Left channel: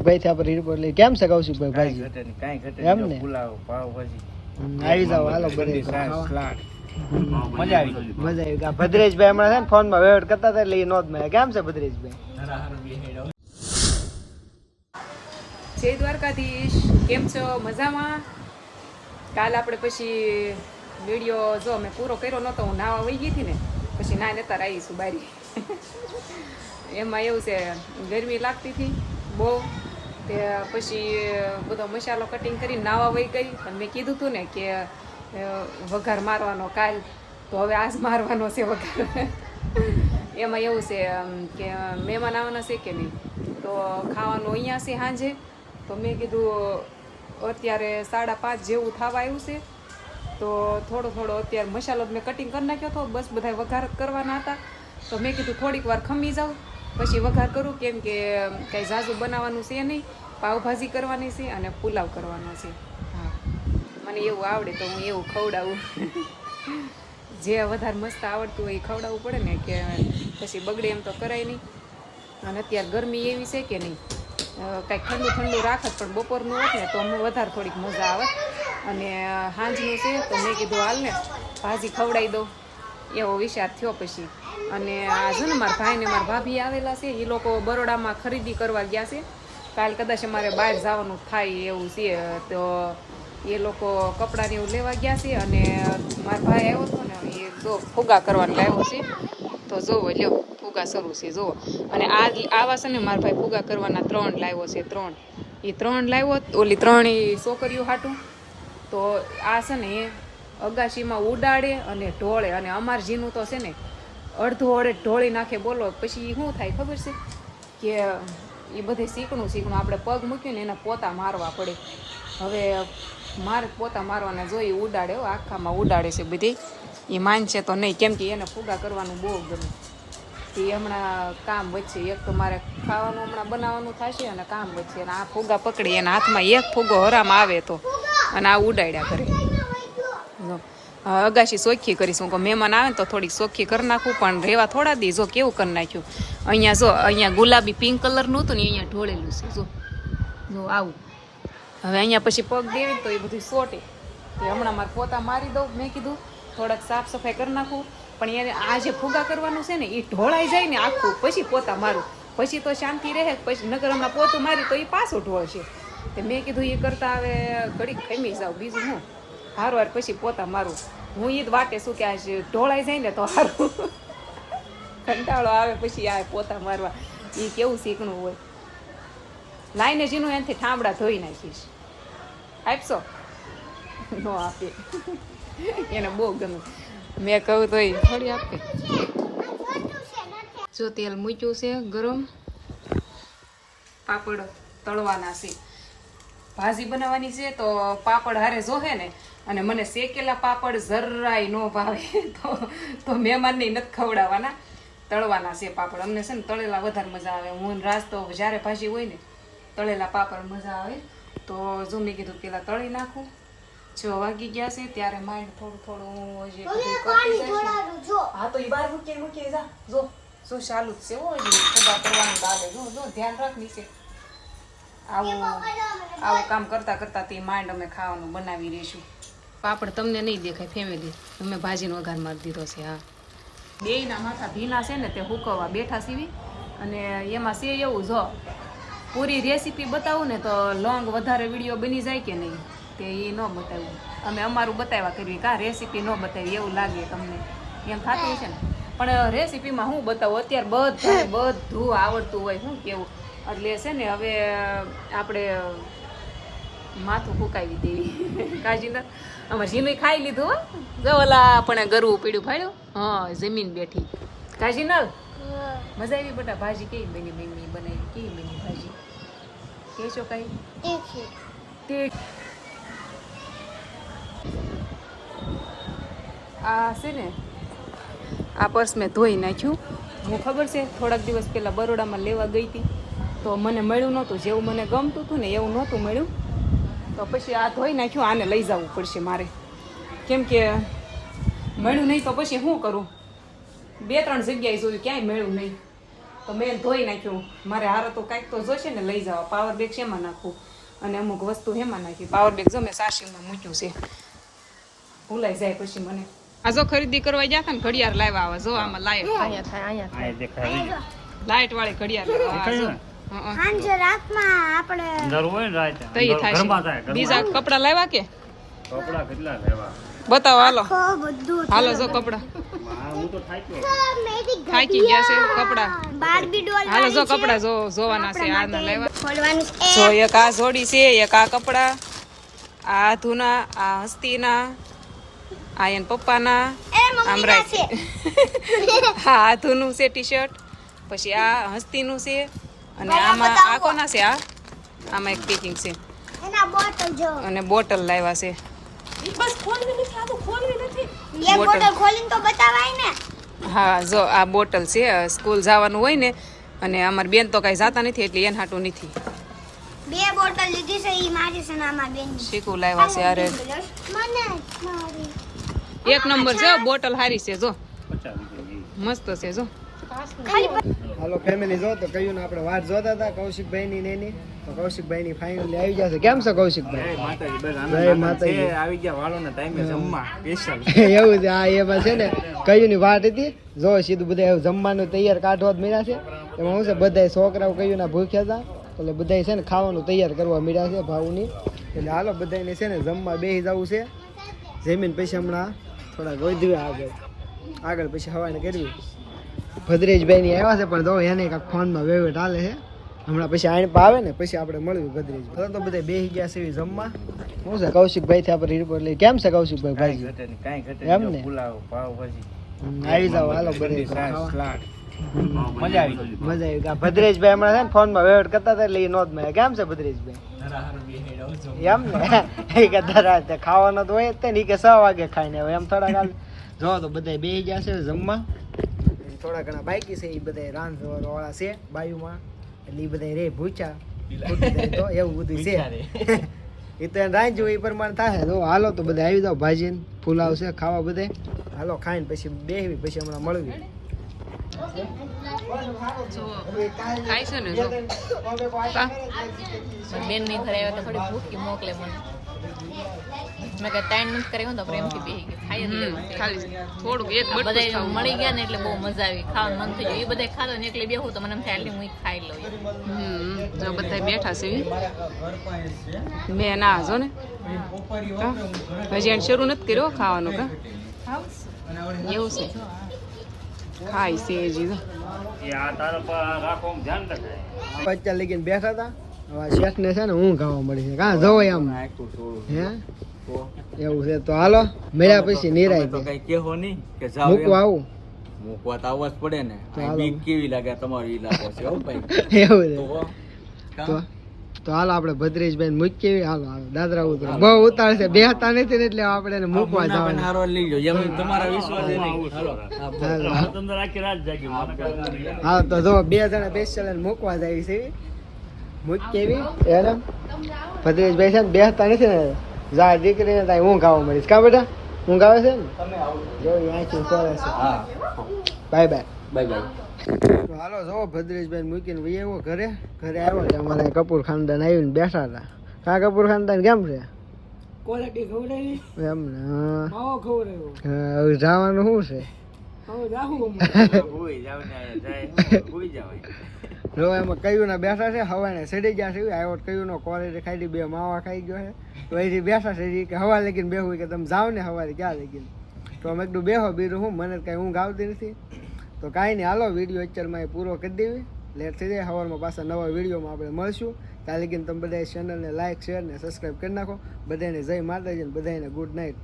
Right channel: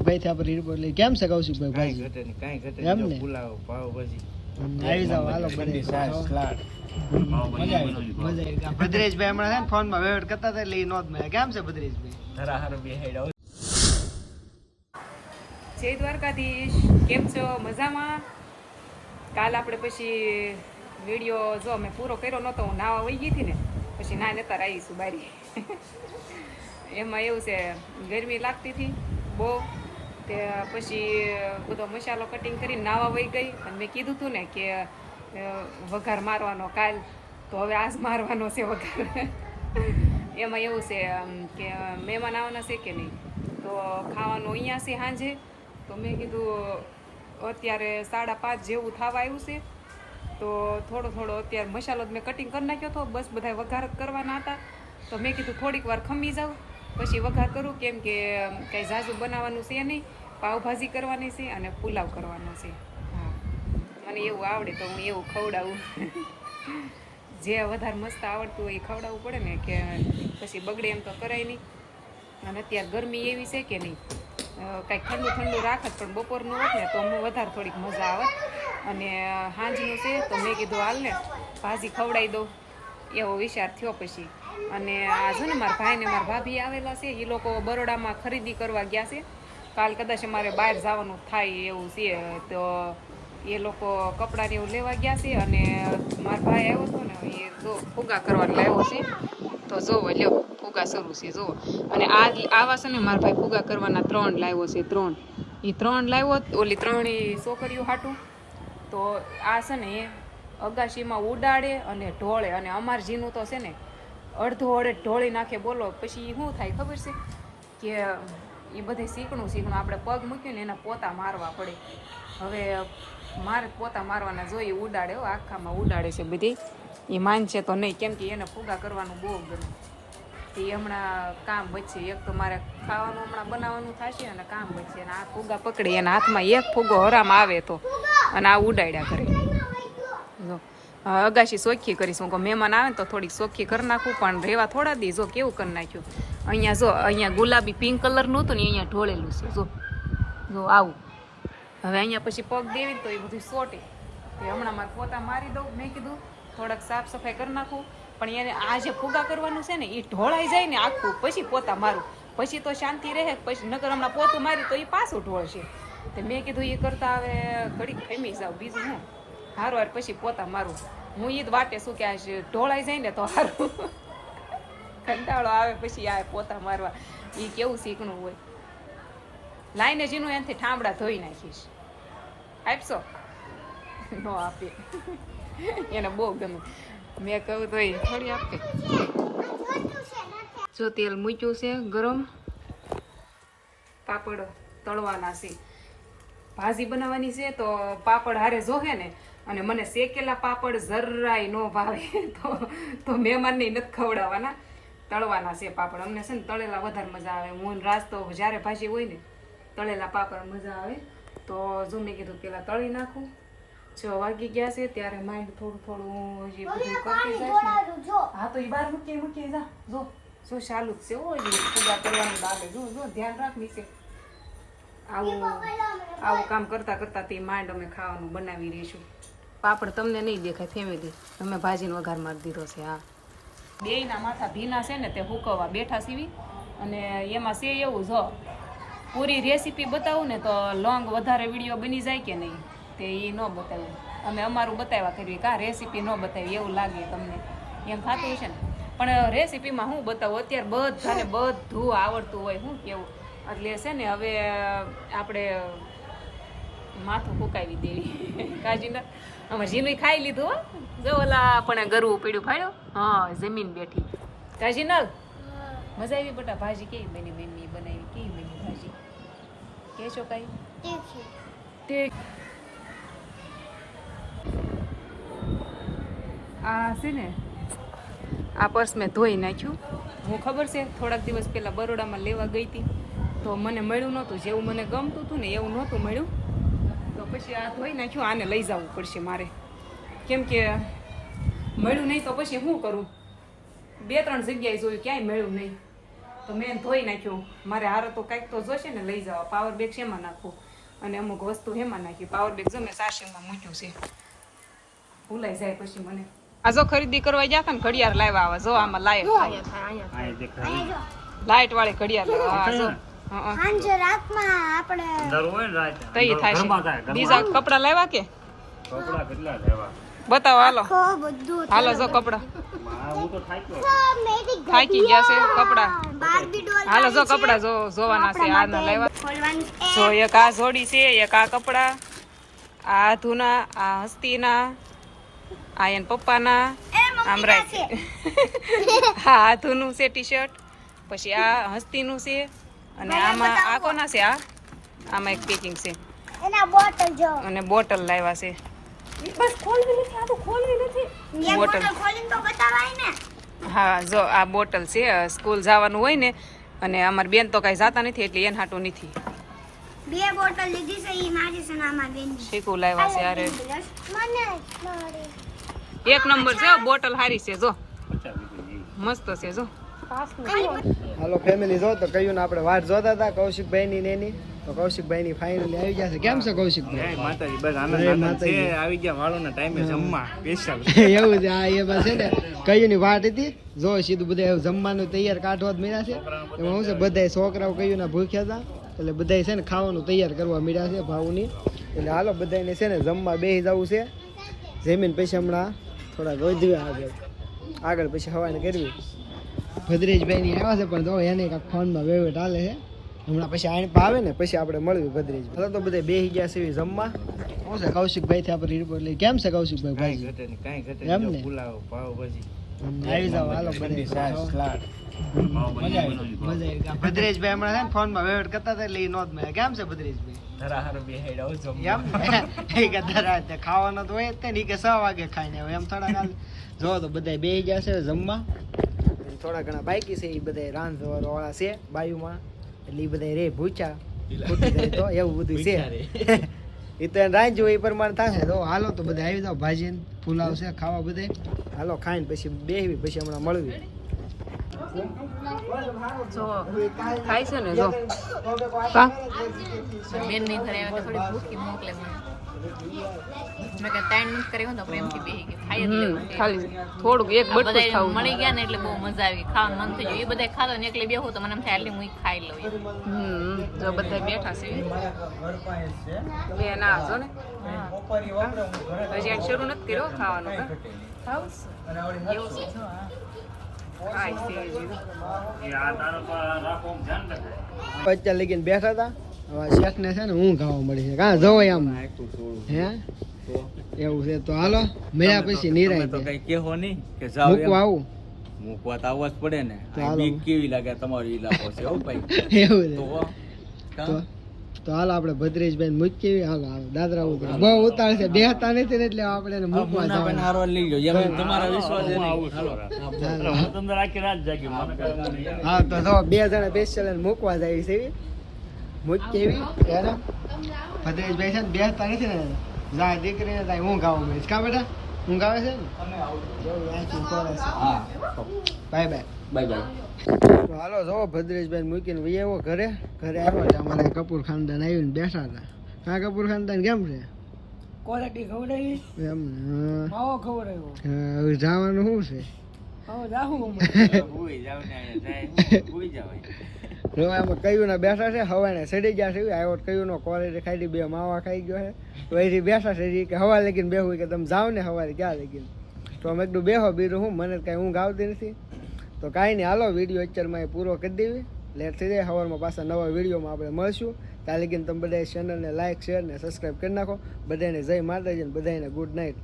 ભાઈ થી આપણે રિપોર્ટ લઈ કેમ છે કૌશિકભાઈ ભાઈ ભાજી ઘટે નહીં કાંઈ ઘટે એમ ને? જો પુલાવ પાવભાજી હમ, આવી જાવ હાલો છાશ, સલાડ. મજા આવી. મજા આવી. ભદ્રેશભાઈ હમણાં છે ને ફોનમાં વેવટ કરતા હતા એટલે એ નોંધ મળે કેમ છે ભદ્રેશભાઈ? ધરાહાર બેહાડ્યા જય દ્વારકાધીશ. કેમ છો? મજામાં? કાલ આપણે પછી વીડિયો જો મેં પૂરો કર્યો નહોતો હું નાવા વહી ગઈ હતી ને પછી ના લેતા આવીશું બારી. એમાં એવું છે ગરમી લાગતી હતી બહુ. તે પછી બધો મસાલો કટિંગ કરીને નાવા વહી ગઈ. અને મેં કીધું હતું ને કે વઘાર મારવાનો કાલ, તો હવે આજ મારવાનો છે વઘાર. એમાં એવું છે કે મહેમાન આવવાના છે કે નહીં? તો ખાવાનું અહીંયા છે સાંજે. તો મેં કીધું, અત્યારે સાડા પાંચ જેવું થવા આવ્યું છે. તો થોડો થોડો અત્યારે મસાલો મેં કટિંગ કરી નાખ્યો હતો બસ બધા વઘાર કરવાના હતા. તો મેં કીધું, થોડીક વાર ખમી જાઉં. પછી વઘાર કરું, કેમ કે કાંઈ ઝાઝું બનાવવાનું છે નહીં. પાવભાજી કરવાની છે અને પુલાવ કરવાનો છે. હા. મને એવું આવડે તો હું એવું ખવડાવું. જે વધારે મસ્ત આવડતું હોય એ ખવડાવવું પડે ને કે પછી બગડે એમ તો કરાય નહીં. અને અત્યારે ગરમી એવી છે કે નહીં. કાંઈક ઠંડુ ઠંડુ રાખત પણ બપોરનું હોત ને તો વધારે થોડીક મજા આવે. અને સાંજનું છે તો મેં કીધું હાલ ને ભાજી ખવડાવી દઉં. એવો વિચાર થયો પછી. અને આ છે ને મારા ભાઈ ને મારા ભાભી આવેલા છે એ લોકો બરોડામાં ખરીદી કરવા ગયા છે. કાલ કદાચ અમારે બહાર જવાનું થાય એવું છે, તો એ લોકો કપડાને એવું લેવા ગયા છે અને મારા ભાઈ આવ્યો હતો ને, એ જો ફુગા કરવાનું લાવ્યો છે. તો જોવો લ્યો ફુગા શરૂ છે જુઓ અને આ આવા છે ને મારા ભાઈ ફુગા કરવાના ત્રણ લાવ્યો છે, ત્રણ. એ ત્રણ લાવ્યો ઓલી ત્રણ એ છોકરીઓ હાટું. તો આ છે ને, એ અગાશીમાં ઉડાડે અને ઢોળે. અને અમાર જીનું તો છે ને, અડધો અડે ઢોળી નાખે બોલો, પછી શું થાય ખબર છે? કે એ બધે શીકણું શીકણું આપણે પગ મૂક્યું ને એના પોતા મારવા પડે. હવે મારે પોતા મારવાના જોઈએ ઉડાડે હો, આખામાં ઉડાડે છે બધી. એ માનશે તો નહીં, કેમ કે એને ફુગા કરવાનું બહુ ગમે. તે હમણાં કામ વચ્ચે એક તો મારે ખાવાનું હમણાં બનાવવાનું થશે અને કામ વચ્ચે અને આ ફુગા પકડી, એના હાથમાં એક ફુગો હરામ આવે તો. અને આ ઉડાડ્યા કરે. જો. અગાશી સોખી કરીશું. કે મહેમાન આવે ને તો થોડીક સોખી કરી નાખું, પણ રહેવા થોડા દી જો કેવું કરી નાખ્યું. અહીંયા જો, અહીંયા ગુલાબી પિંક કલરનું હતું ને અહીંયા ઢોળેલું છે. જો જો આવું. હવે અહીંયા પછી પગ દેવી તો એ બધું સોટે. તો હમણાં મારે પોતા મારી દઉં, મેં કીધું, થોડાક સાફ સફાઈ કરી નાખું. પણ એને આ જે ફુગા કરવાનું છે ને, એ ઢોળાઈ જાય ને આખું. પછી પોતા મારું. પછી તો શાંતિ રહે, પછી નગર હમણાં પોતું મારી તો એ પાછું ઢોળશે. તે મેં કીધું, એ કરતાં હવે ઘડીક ખમી જાઉં. બીજું હું? હારું, હાર, પછી પોતા મારું. હું જ વાટે શું કે આ ઢોળાઈ જાય ને તો હારું. કંટાળો આવે પછી આ પોતા મારવા. એ કેવું શીખણું હોય. લાઈને જીનું એનાથી ઠામડા ધોઈ નાખીશ. આપશો? નો આપે. એને બહુ ગમે. મેં કહું તો એ થોડી આપે. જો તેલ મૂક્યું છે ગરમ. પાપડ તળવાના છે. ભાજી બનાવવાની છે તો પાપડ હારે જોહે ને અને મને શેકેલા પાપડ જરાય ન ભાવે. તો તો મહેમાનને નથી ખવડાવવાના. તળવાના છે પાપડ. અમને છે ને તળેલા વધારે મજા આવે. હું ને તો જ્યારે ભાજી હોય ને તળેલા પાપડ મજા આવે. તો જો મેં કીધું પેલા તળી નાખું. છ વાગી ગયા છે ત્યારે માઇન્ડ થોડું થોડું હજી બધું કરતી જાય હા તો એ બાર મૂકીએ મૂકીએ જા. જો શું ચાલુ જ છે હો હજી. ખુદા કરવાનું લાગે જો જો ધ્યાન રાખ નીચે. આવું આવું કામ કરતા કરતા તે માંડ અમે ખાવાનું બનાવી રહીશું. પાપડ તમને નહીં દેખાય ફેમિલી અમે ભાજીનો વઘાર મારી દીધો છે હા. બેયના માથા ભીના છે ને તે હુકવવા બેઠા સીવી. અને એમાં છે એવું જો પૂરી રેસીપી બતાવું ને તો લોંગ વધારે વીડિયો બની જાય કે નહીં તે એ ન બતાવ્યું અમે અમારું બતાવ્યા કરવી કાં રેસીપી ન બતાવી એવું લાગે તમને. એમ થતું છે ને? પણ રેસીપીમાં હું બતાવું અત્યારે બધાને બધું આવડતું હોય શું કેવું? એટલે છે ને હવે આપણે માથું ફૂકાવી દેવી. કાજીના આમાં જીનું ખાઈ લીધું હો. જો ઓલા પણ ગરવું પીડ્યું ફાડ્યું હા જમીન બેઠી. કાજીનલ મજા આવી બટા ભાજી કેવી બની મમ્મી બનાવી કેવી બની ભાજી? કે છો કઈ તે આ છે ને આ પર્સ મેં ધોઈ નાખ્યું. હું ખબર છે થોડાક દિવસ પહેલાં બરોડામાં લેવા ગઈ હતી. તો મને મળ્યું નહોતું જેવું મને ગમતું હતું ને એવું નહોતું મળ્યું. તો પછી આ ધોઈ નાખ્યું આને લઈ જવું પડશે મારે. કેમ કે મળ્યું નહીં તો પછી શું કરું? બે ત્રણ જગ્યાએ જોયું ક્યાંય મળ્યું નહીં. તો મેં ધોઈ નાખ્યું. મારે હારો તો કાંઈક તો જોશે ને લઈ જવા. પાવર બેગ શેમાં નાખું? અને અમુક વસ્તુ હેમાં નાખી. પાવર બેગ જો મેં સાસીમાં મૂક્યું છે. ભૂલાઈ જાય પછી મને. આ જો ખરીદી કરવા ગયા હતા ને ઘડિયાળ લાવ્યા આવે. જો આમાં લાઈટ લાઈટ વાળી ઘડિયાળ લાવ્યા આ હં, હં. સાંજે રાતમાં આપણે દર હોય ને રાતે. તો ઈ થાય ઘરમાં થાય બીજા કપડા લાવ્યા કે? કપડા કેટલા લેવા? બતાવો હાલો. હાલો જો કપડા. હું તો થાક્યો થાકી ગયા છે કપડા. હાલો જો કપડા જો જોવાના છે આ ના લેવા. જો એક આ જોડી છે એક આ કપડા. આ ધૂના આ હસ્તીના આ એન પપ્પાના. આમ રાખ હા આ ધૂનું છે ટી શર્ટ પછી આ હસ્તીનું છે. અને આમાં આ કોના છે આ? આમાં એક પેકિંગ છે. એના બોટલ જો. અને બોટલ લાવ્યા છે. બસ ખોલવી નથી આ તો ખોલવી નથી. એક બોટલ. બોટલ ખોલીને તો બતાવાય ને. હા જો આ બોટલ છે સ્કૂલ જવાનું હોય ને અને અમારી બેન તો કાંઈ જાતા નથી એટલે એન હાટું નથી. બે બોટલ લીધી છે ઈ મારી છે આમાં બેન. શીખું લાવ્યા છે અરે એક નંબર છે બોટલ સારી છે જો. મસ્ત છે જો. હાલો ફેમિલી જો તો કહ્યું ને આપણે વાત જોતા હતા કૌશિકભાઈ ની નેની તો કૌશિકભાઈ ની ફાઇનલી આવી ગયા છે. કેમ છે કૌશિકભાઈ? માતાજી બસ આનંદ માતાજી. છે. આવી ગયા વાળોના ટાઈમે જમવા સ્પેશિયલ એવું છે આ એમાં છે ને કયું ની વાત હતી? જો સીધું બધા એવું જમવાનું તૈયાર કાઢવા જ મળ્યા છે. એમાં શું છે બધા છોકરાઓ કયું ના ભૂખ્યા હતા એટલે બધા છે ને ખાવાનું તૈયાર કરવા મળ્યા છે ભાવની એટલે હાલો બધાને છે ને જમવા બેસી જવું છે. જમીન પછી હમણાં થોડા ગોધવી આગળ. આગળ પછી હવાને કરવી. ભદ્રેશભાઈ ની આવ્યા છે પણ તો એને કાંઈક ફોનમાં વેવેટ હાલે છે. હમણાં પછી આણ આવે ને પછી આપણે મળવી ભદ્રેશ હવે તો બધા બે ગયા છે જમવા. શું છે કૌશિકભાઈ થી આપણે રિપોર્ટ લઈ કેમ છે કૌશિકભાઈ કાંઈ ભાઈ ઘટે કાંઈ ઘટે એમ ને? પુલાવ પાવ ભાજી. આવી જાવ હાલો બધે. સલાડ. મજા આવી મજા આવી ગયા ભદ્રેશભાઈ હમણાં છે ને ફોનમાં વેવટ કરતા હતા એટલે એ નોંધ મળ્યા કેમ છે ભદ્રેશભાઈ એમ ને? એ કે ધરા ખાવાનો તો હોય તે ને કે છ વાગે ખાઈને હવે એમ થોડા કાલ જો તો બધા બે ગયા છે જમવા. થોડા ઘણા બાકી છે એ બધા રાંધવા વાળા છે બાયુમાં. એટલે એ બધા રે ભૂચા તો એવું બધું છે. એ તો એને રાંધ્યું એ પ્રમાણે થાય. તો હાલો તો બધા આવી જાવ ભાજી પુલાવ છે ખાવા બધે. હાલો ખાઈને પછી બેહવી પછી હમણાં મળવી. જો ખાય છે ને જો. બેનની ઘરે આવે તો થોડી ભૂખી મોકલે મને. મેં કે ત્રણ નથી કરી તો પ્રેમથી બેહી ગઈ ખાઈ જ લેવું ખાલી થોડુંક એક ખાવું. મળી ગયા ને એટલે બહુ મજા આવી. ખાવાનું મન થઈ ગયું. એ બધા ખાતો ને એકલી બેહું તો મને એમ થાય આટલી હું ખાઈ લઉં હમ જો બધા બેઠા છે. બે ના જો ને. હજી એને શરૂ નથી કર્યો ખાવાનું? એવું છે. ખાઈ છે હજી. એ આ તારા પર રાખો ધ્યાન રખાય. અત્યારે લગીને બેઠા હતા. શેઠ ને છે ને હું ખાવા મળી છે. કાં જવાય આમ હે એવું છે તો હાલો મળ્યા પછી નિરાય તો કઈ કેહો નહીં કે જાવ મૂકવા આવું. મૂકવા તો આવવા જ પડે ને. આ બીક કેવી લાગે તમારો ઈલાકો છે હો ભાઈ? એવું છે. તો તો હાલ આપણે ભદ્રેશભાઈ મૂકી હાલો હાલો. દાદરા ઉતરો બહુ ઉતાર છે. બેહતા નથી ને એટલે આપણે મૂકવા જવાના. હારો લઈ જાઓ. એમ તમારા વિશ્વાસ. હા તો જો બે જણા બેસેલા મૂકવા જાય છે. મૂકી કેવી એને? ભદ્રેશભાઈ છે ને બેસતા નથી ને. જા દીકરીને ત્યાં હું ગાવા મળીશ. કા બેટા? ઊંઘ ગાવે છે ને બાય બાય. Bye by. તો હાલો જો ભદ્રેશભાઈ મૂકીને વહી આવ્યો ઘરે. ઘરે આવ્યો છે અમારે કપૂર ખાનદાન આવીને બેઠા હતા. કા કપૂર ખાનદાન કેમ છે? ક્વોલિટી ખવડાવી એમ ને હા. ખવડાવ્યો જવાનું શું છે? હવે જાહું ભૂઈ જાવ ને જાય ભૂઈ જાવ. જો એમાં કયું બેઠા છે, હવાને સડી ગયા છે, આવ્યો કયું કોલેજ ખાઈ બે માવા ખાઈ ગયો છે. તો અહીંથી બેઠા છે કે હવા લગીને બેહું કે તમે જાઓ ને હવારે ક્યાં લગીને? તો અમે એકડું બેહો બીજું હું મને કાંઈ ઊંઘ આવતી નથી. તો કાંઈ નહીં, હાલો, વીડિયો અત્યારમાં એ પૂરો કરી દેવી. લેટ થઈ જાય, હવારમાં પાછા નવા વિડીયોમાં આપણે મળશું. ત્યાં લગીને તમે બધા ચેનલને લાઇક શેર ને સબસ્ક્રાઈબ કરી નાખો. બધાને જય માતાજી ને બધાને ગુડ નાઇટ